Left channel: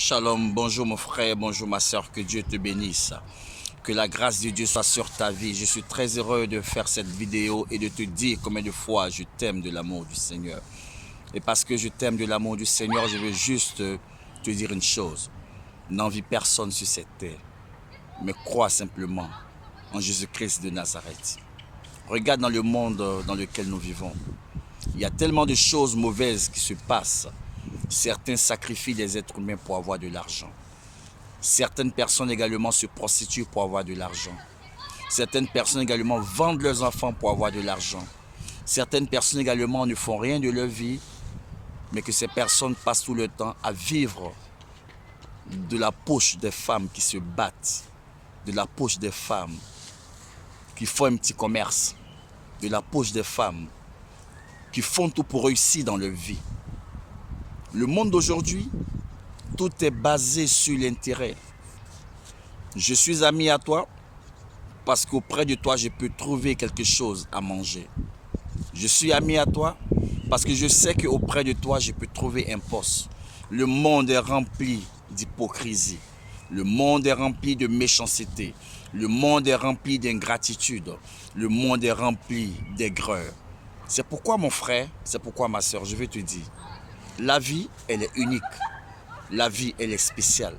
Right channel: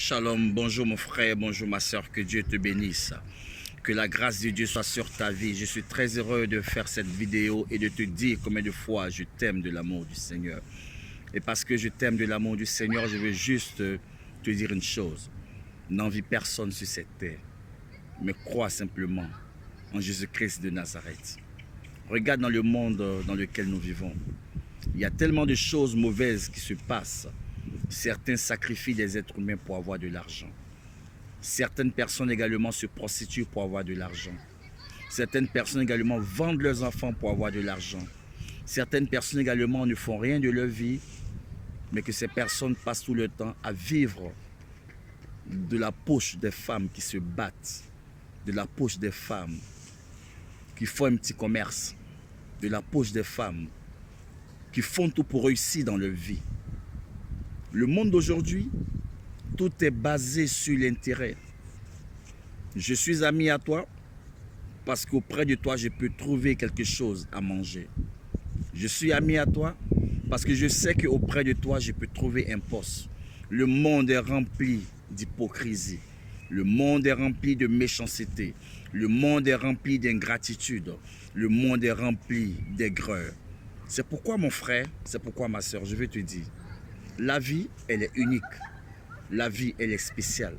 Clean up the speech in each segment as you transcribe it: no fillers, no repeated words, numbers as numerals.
Shalom, bonjour mon frère, bonjour ma soeur, que Dieu te bénisse. Que la grâce de Dieu soit sur ta vie. Je suis très heureux de faire cette vidéo et de te dire combien de fois je t'aime de l'amour du Seigneur. Et parce que je t'aime de l'amour du Seigneur, je veux juste te dire une chose. N'envie personne sur cette terre, mais crois simplement en Jésus-Christ de Nazareth. Regarde dans le monde dans lequel nous vivons. Il y a tellement de choses mauvaises qui se passent. Certains sacrifient des êtres humains pour avoir de l'argent. Certaines personnes également se prostituent pour avoir de l'argent. Certaines personnes également vendent leurs enfants pour avoir de l'argent. Certaines personnes également ne font rien de leur vie, mais que ces personnes passent tout le temps à vivre de la poche des femmes qui se battent, de la poche des femmes qui font un petit commerce, de la poche des femmes qui font tout pour réussir dans leur vie. Le monde d'aujourd'hui, tout est basé sur l'intérêt. Je suis ami à toi parce qu'auprès de toi, je peux trouver quelque chose à manger. Je suis ami à toi parce que je sais qu'auprès de toi, je peux trouver un poste. Le monde est rempli d'hypocrisie. Le monde est rempli de méchanceté. Le monde est rempli d'ingratitude. Le monde est rempli d'aigreur. C'est pourquoi mon frère, c'est pourquoi ma soeur, je vais te dire, la vie, elle est unique. La vie, elle est spéciale.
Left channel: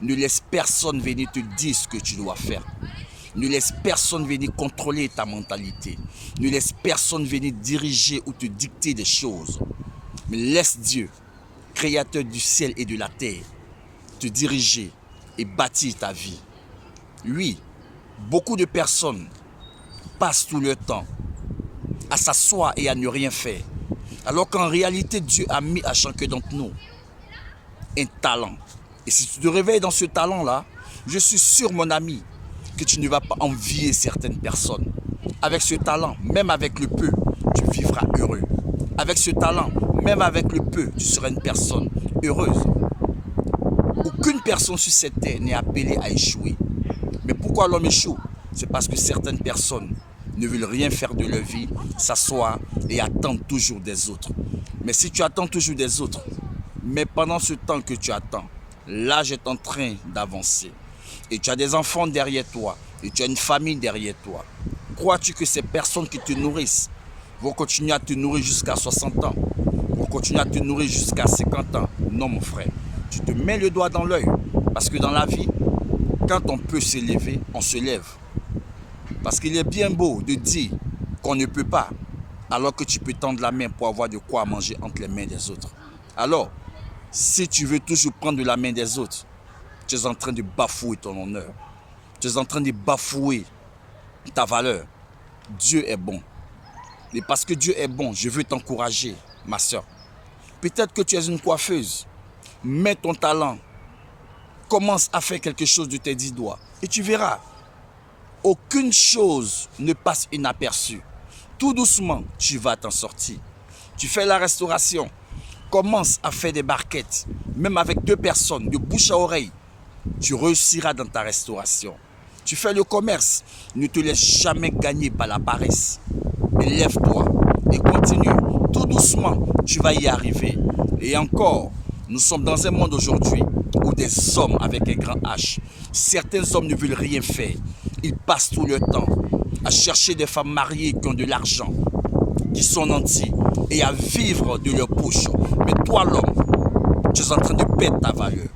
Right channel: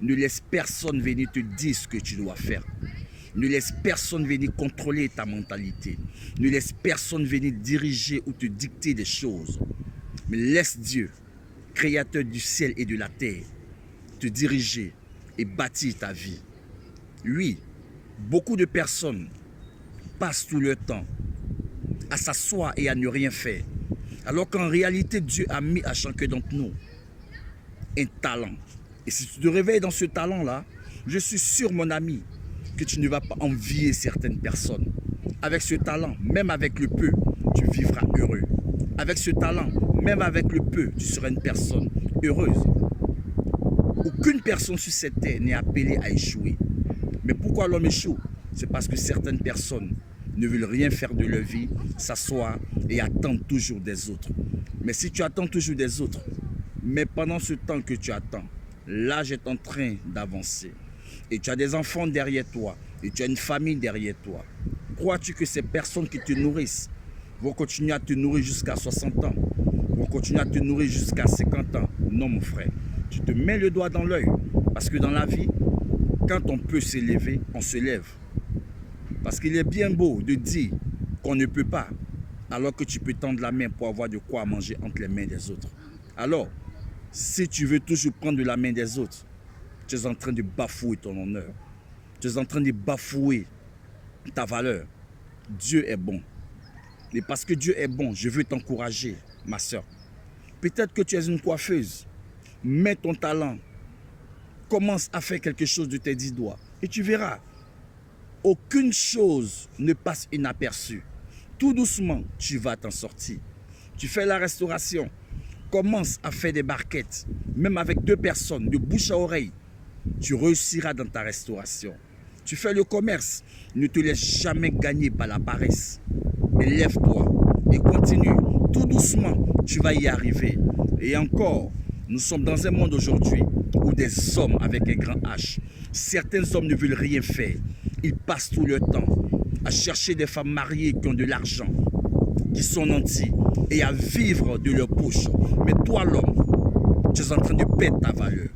Ne laisse personne venir te dire ce que tu dois faire. Ne laisse personne venir contrôler ta mentalité. Ne laisse personne venir diriger ou te dicter des choses. Mais laisse Dieu, créateur du ciel et de la terre, te diriger et bâtir ta vie. Oui, beaucoup de personnes passent tout leur temps à s'asseoir et à ne rien faire. Alors qu'en réalité, Dieu a mis à chacun d'entre nous un talent. Et si tu te réveilles dans ce talent-là, je suis sûr, mon ami, que tu ne vas pas envier certaines personnes. Avec ce talent, même avec le peu, tu vivras heureux. Avec ce talent, même avec le peu, tu seras une personne heureuse. Aucune personne sur cette terre n'est appelée à échouer. Mais pourquoi l'homme échoue? C'est parce que certaines personnes ne veulent rien faire de leur vie, s'asseoir et attendre toujours des autres. Mais si tu attends toujours des autres, mais pendant ce temps que tu attends, l'âge est en train d'avancer. Et tu as des enfants derrière toi, et tu as une famille derrière toi. Crois-tu que ces personnes qui te nourrissent vont continuer à te nourrir jusqu'à 60 ans, vont continuer à te nourrir jusqu'à 50 ans? Non, mon frère, tu te mets le doigt dans l'œil. Parce que dans la vie, quand on peut s'élever, on se lève. Parce qu'il est bien beau de dire qu'on ne peut pas, alors que tu peux tendre la main pour avoir de quoi manger entre les mains des autres. Alors, si tu veux toujours prendre de la main des autres, tu es en train de bafouer ton honneur. Tu es en train de bafouer ta valeur. Dieu est bon. Et parce que Dieu est bon, je veux t'encourager, ma soeur. Peut-être que tu es une coiffeuse. Mets ton talent. Commence à faire quelque chose de tes 10 doigts. Et tu verras. Aucune chose ne passe inaperçue. Tout doucement, tu vas t'en sortir. Tu fais la restauration. Commence à faire des barquettes. Même avec 2 personnes, de bouche à oreille. Tu réussiras dans ta restauration. Tu fais le commerce. Ne te laisse jamais gagner par la paresse. Mais lève-toi et continue. Tout doucement, tu vas y arriver. Et encore, nous sommes dans un monde aujourd'hui où des hommes avec un grand H, certains hommes ne veulent rien faire. Ils passent tout leur temps à chercher des femmes mariées qui ont de l'argent, qui sont nantis et à vivre de leur poche. Mais toi, l'homme, tu es en train de perdre ta valeur.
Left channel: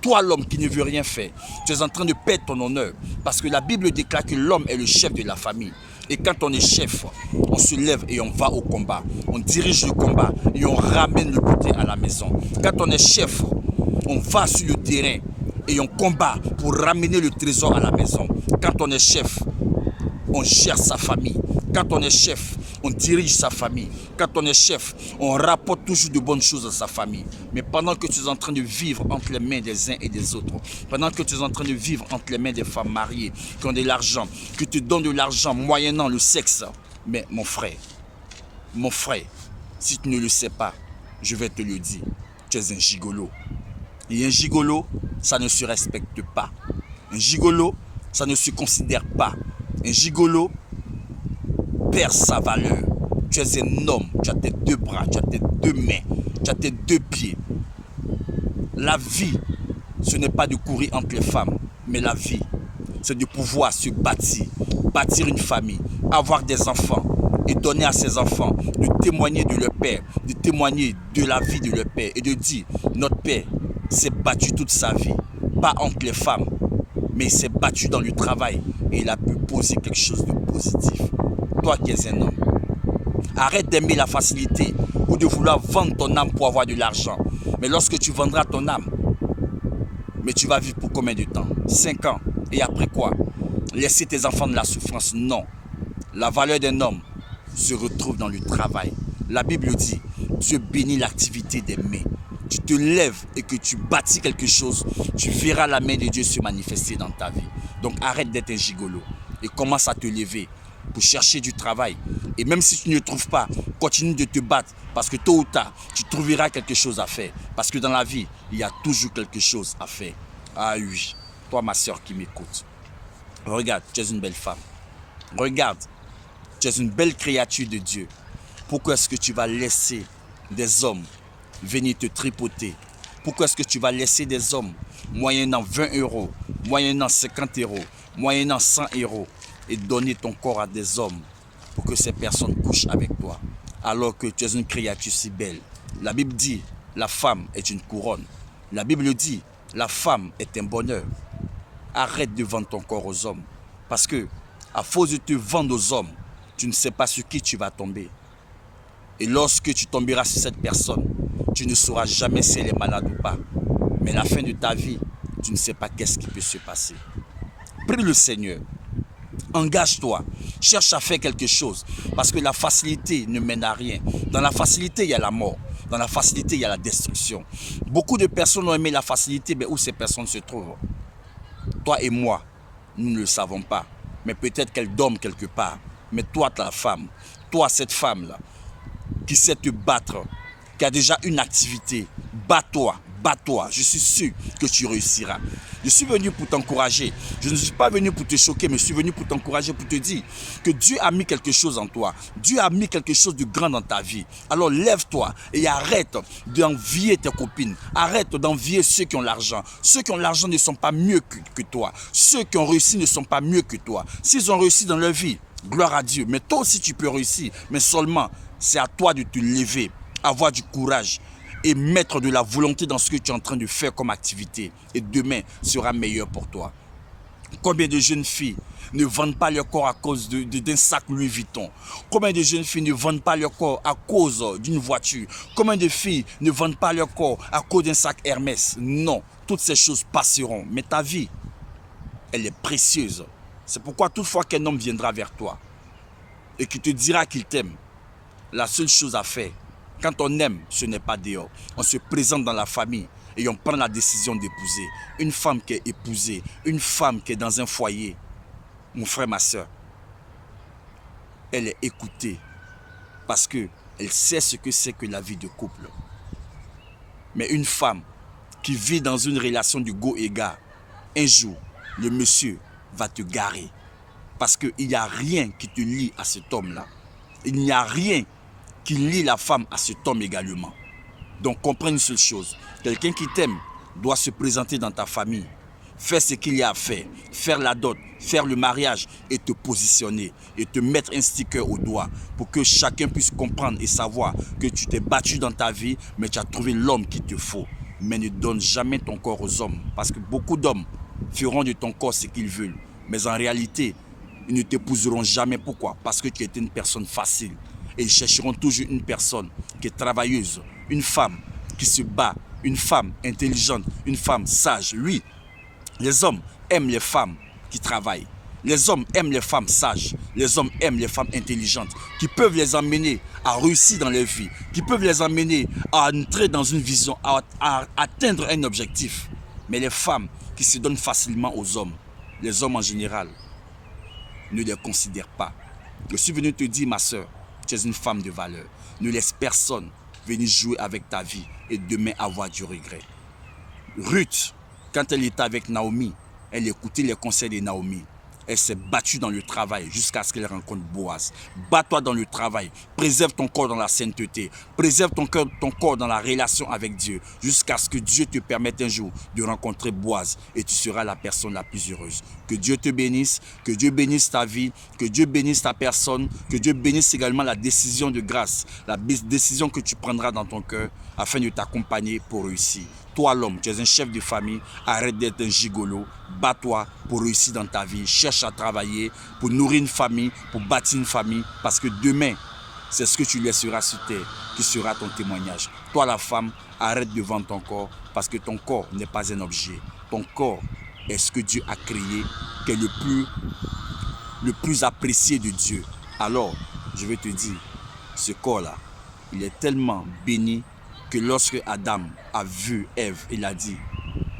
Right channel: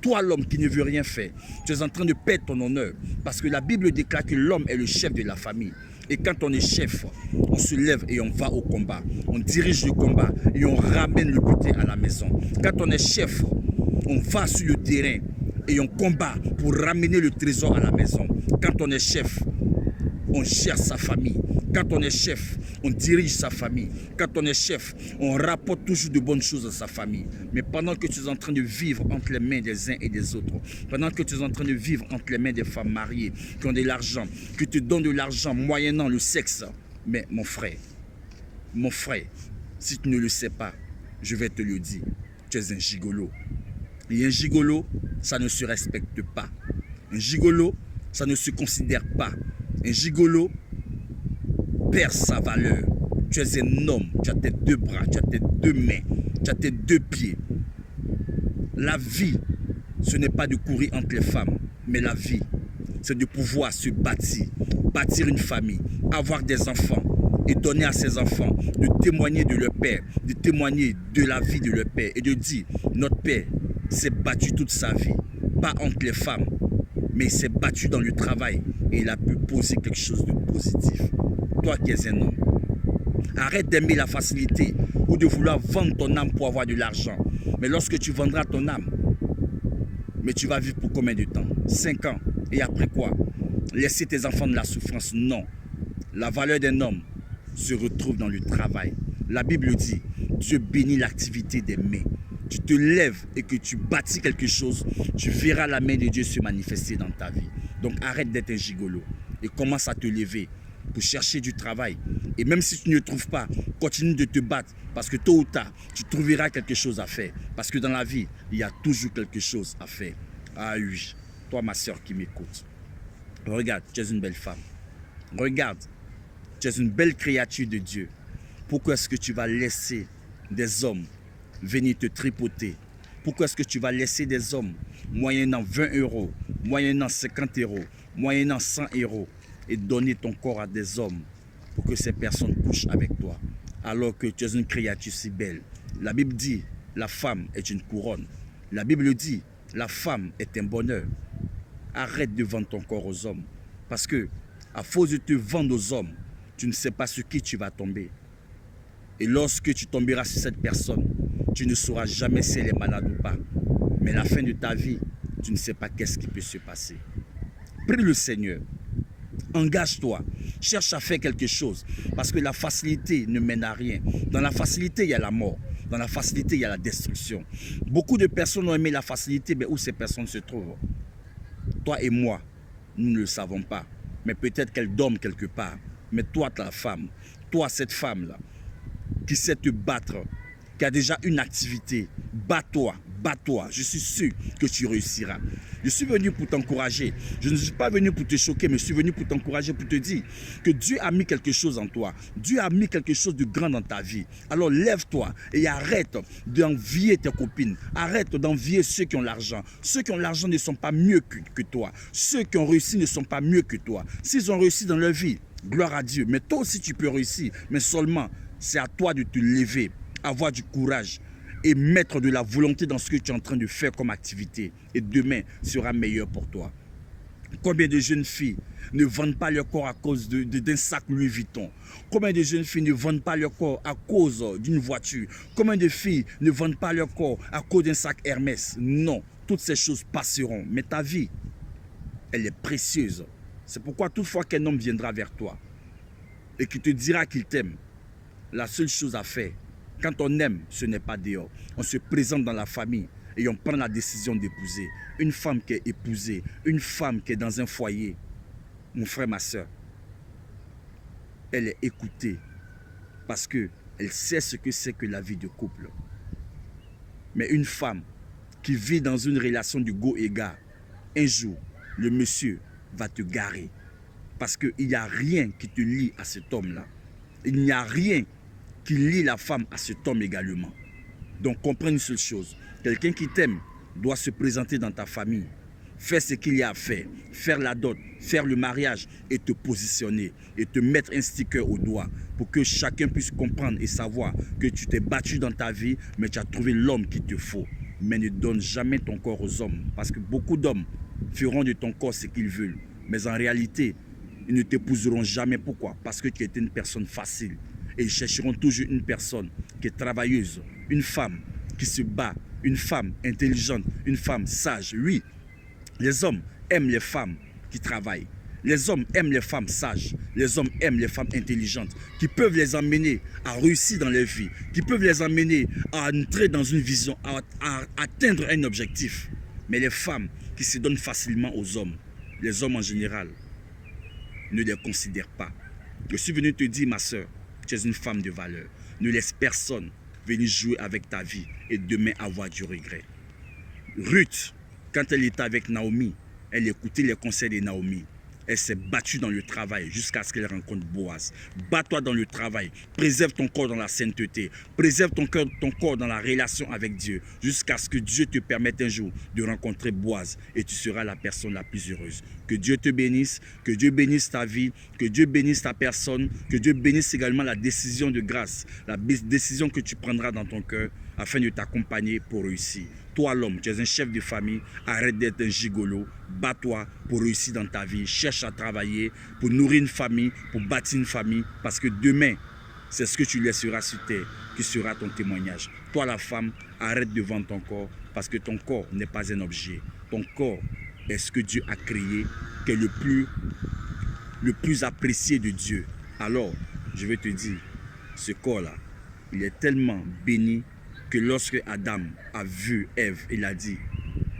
Toi, l'homme qui ne veut rien faire, tu es en train de perdre ton honneur. Parce que la Bible déclare que l'homme est le chef de la famille. Et quand on est chef, on se lève et on va au combat. On dirige le combat et on ramène le butin à la maison. Quand on est chef, on va sur le terrain et on combat pour ramener le trésor à la maison. Quand on est chef, on gère sa famille. Quand on est chef, on dirige sa famille. Quand on est chef, on rapporte toujours de bonnes choses à sa famille. Mais pendant que tu es en train de vivre entre les mains des uns et des autres, pendant que tu es en train de vivre entre les mains des femmes mariées, qui ont de l'argent, qui te donnent de l'argent moyennant le sexe, mais mon frère, si tu ne le sais pas, je vais te le dire, tu es un gigolo. Et un gigolo, ça ne se respecte pas. Un gigolo, ça ne se considère pas. Un gigolo perd sa valeur. Tu es un homme, tu as tes 2 bras, tu as tes 2 mains, tu as tes 2 pieds. La vie, ce n'est pas de courir entre les femmes, mais la vie, c'est de pouvoir se bâtir une famille, avoir des enfants et donner à ses enfants, de témoigner de leur père, de témoigner de la vie de leur père et de dire, notre père s'est battu toute sa vie, pas entre les femmes, mais il s'est battu dans le travail et il a pu poser quelque chose de positif. Toi qui es un homme, arrête d'aimer la facilité ou de vouloir vendre ton âme pour avoir de l'argent. Mais lorsque tu vendras ton âme, mais tu vas vivre pour combien de temps? 5 ans. Et après quoi? Laisser tes enfants de la souffrance? Non. La valeur d'un homme se retrouve dans le travail. La Bible dit, Dieu bénit l'activité des mains. Tu te lèves et que tu bâtis quelque chose, tu verras la main de Dieu se manifester dans ta vie. Donc arrête d'être un gigolo et commence à te lever pour chercher du travail. Et même si tu ne trouves pas, continue de te battre parce que tôt ou tard, tu trouveras quelque chose à faire. Parce que dans la vie, il y a toujours quelque chose à faire. Ah oui, toi ma soeur qui m'écoute, regarde, tu es une belle femme. Regarde, tu es une belle créature de Dieu. Pourquoi est-ce que tu vas laisser des hommes venir te tripoter? Pourquoi est-ce que tu vas laisser des hommes moyennant 20 €, moyennant 50 €, moyennant 100 € et donner ton corps à des hommes pour que ces personnes couchent avec toi alors que tu es une créature si belle? La Bible dit, la femme est une couronne. La Bible dit, la femme est un bonheur. Arrête de vendre ton corps aux hommes parce que à force de te vendre aux hommes, tu ne sais pas sur qui tu vas tomber. Et lorsque tu tomberas sur cette personne, tu ne sauras jamais si elle est malade ou pas. Mais à la fin de ta vie, tu ne sais pas qu'est-ce qui peut se passer. Prie le Seigneur. Engage-toi. Cherche à faire quelque chose. Parce que la facilité ne mène à rien. Dans la facilité, il y a la mort. Dans la facilité, il y a la destruction. Beaucoup de personnes ont aimé la facilité, mais où ces personnes se trouvent? Toi et moi, nous ne le savons pas. Mais peut-être qu'elle dorment quelque part. Mais toi, ta femme, toi, cette femme-là, qui sait te battre, qui a déjà une activité, bats-toi, bats-toi. Je suis sûr que tu réussiras. Je suis venu pour t'encourager. Je ne suis pas venu pour te choquer, mais je suis venu pour t'encourager, pour te dire que Dieu a mis quelque chose en toi. Dieu a mis quelque chose de grand dans ta vie. Alors lève-toi et arrête d'envier tes copines. Arrête d'envier ceux qui ont l'argent. Ceux qui ont l'argent ne sont pas mieux que toi. Ceux qui ont réussi ne sont pas mieux que toi. S'ils ont réussi dans leur vie, gloire à Dieu. Mais toi aussi tu peux réussir. Mais seulement, c'est à toi de te lever, avoir du courage et mettre de la volonté dans ce que tu es en train de faire comme activité. Et demain sera meilleur pour toi. Combien de jeunes filles ne vendent pas leur corps à cause d'un sac Louis Vuitton? Combien de jeunes filles ne vendent pas leur corps à cause d'une voiture? Combien de filles ne vendent pas leur corps à cause d'un sac Hermès? Non, toutes ces choses passeront. Mais ta vie, elle est précieuse. C'est pourquoi toutefois qu'un homme viendra vers toi et qui te dira qu'il t'aime, la seule chose à faire, quand on aime, ce n'est pas dehors. On se présente dans la famille et on prend la décision d'épouser. Une femme qui est épousée, une femme qui est dans un foyer, mon frère, ma soeur, elle est écoutée parce qu'elle sait ce que c'est que la vie de couple. Mais une femme qui vit dans une relation de go et gars, un jour, le monsieur va te garer parce qu'il n'y a rien qui te lie à cet homme-là. Il n'y a rien qui lie la femme à cet homme également. Donc comprends une seule chose, quelqu'un qui t'aime doit se présenter dans ta famille, faire ce qu'il y a à faire, faire la dot, faire le mariage et te positionner et te mettre un sticker au doigt pour que chacun puisse comprendre et savoir que tu t'es battu dans ta vie, mais tu as trouvé l'homme qu'il te faut. Mais ne donne jamais ton corps aux hommes parce que beaucoup d'hommes feront de ton corps ce qu'ils veulent. Mais en réalité, ils ne t'épouseront jamais. Pourquoi? Parce que tu es une personne facile. Et ils chercheront toujours une personne qui est travailleuse, une femme qui se bat, une femme intelligente, une femme sage. Oui, les hommes aiment les femmes qui travaillent. Les hommes aiment les femmes sages. Les hommes aiment les femmes intelligentes qui peuvent les emmener à réussir dans leur vie, qui peuvent les emmener à entrer dans une vision, à atteindre un objectif. Mais les femmes qui se donnent facilement aux hommes, les hommes en général, ne les considèrent pas. Je suis venu te dire, ma soeur, tu es une femme de valeur. Ne laisse personne venir jouer avec ta vie et demain avoir du regret. Ruth, quand elle était avec Naomi, elle écoutait les conseils de Naomi. Elle s'est battue dans le travail jusqu'à ce qu'elle rencontre Boaz. Bats-toi dans le travail. Préserve ton corps dans la sainteté. Préserve ton corps dans la relation avec Dieu jusqu'à ce que Dieu te permette un jour de rencontrer Boaz et tu seras la personne la plus heureuse. Que Dieu te bénisse, que Dieu bénisse ta vie, que Dieu bénisse ta personne, que Dieu bénisse également la décision de grâce, la décision que tu prendras dans ton cœur afin de t'accompagner pour réussir. Toi l'homme, tu es un chef de famille, arrête d'être un gigolo, bats-toi pour réussir dans ta vie, cherche à travailler pour nourrir une famille, pour bâtir une famille, parce que demain, c'est ce que tu laisseras sur terre qui sera ton témoignage. Toi la femme, arrête de vendre ton corps, parce que ton corps n'est pas un objet. Ton corps est ce que Dieu a créé, qui est le plus apprécié de Dieu. Alors, je vais te dire, ce corps-là, il est tellement béni que lorsque Adam a vu Ève, il a dit,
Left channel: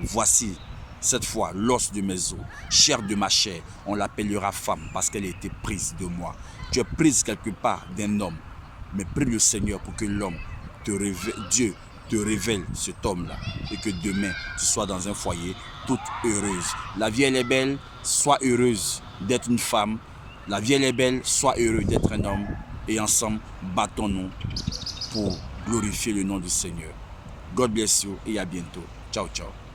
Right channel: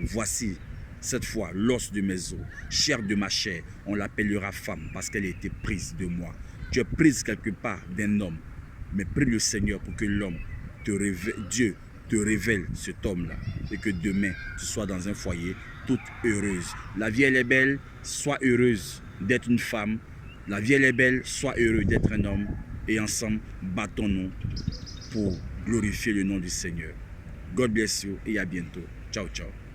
voici cette fois l'os de mes os, chair de ma chair, on l'appellera femme parce qu'elle a été prise de moi. Tu es prise quelque part d'un homme, mais prie le Seigneur pour que l'homme te révèle, Dieu te révèle cet homme-là et que demain tu sois dans un foyer toute heureuse. La vie elle est belle, sois heureuse d'être une femme. La vie elle est belle, sois heureux d'être un homme et ensemble battons-nous pour glorifier le nom du Seigneur. God bless you et à bientôt. Ciao, ciao.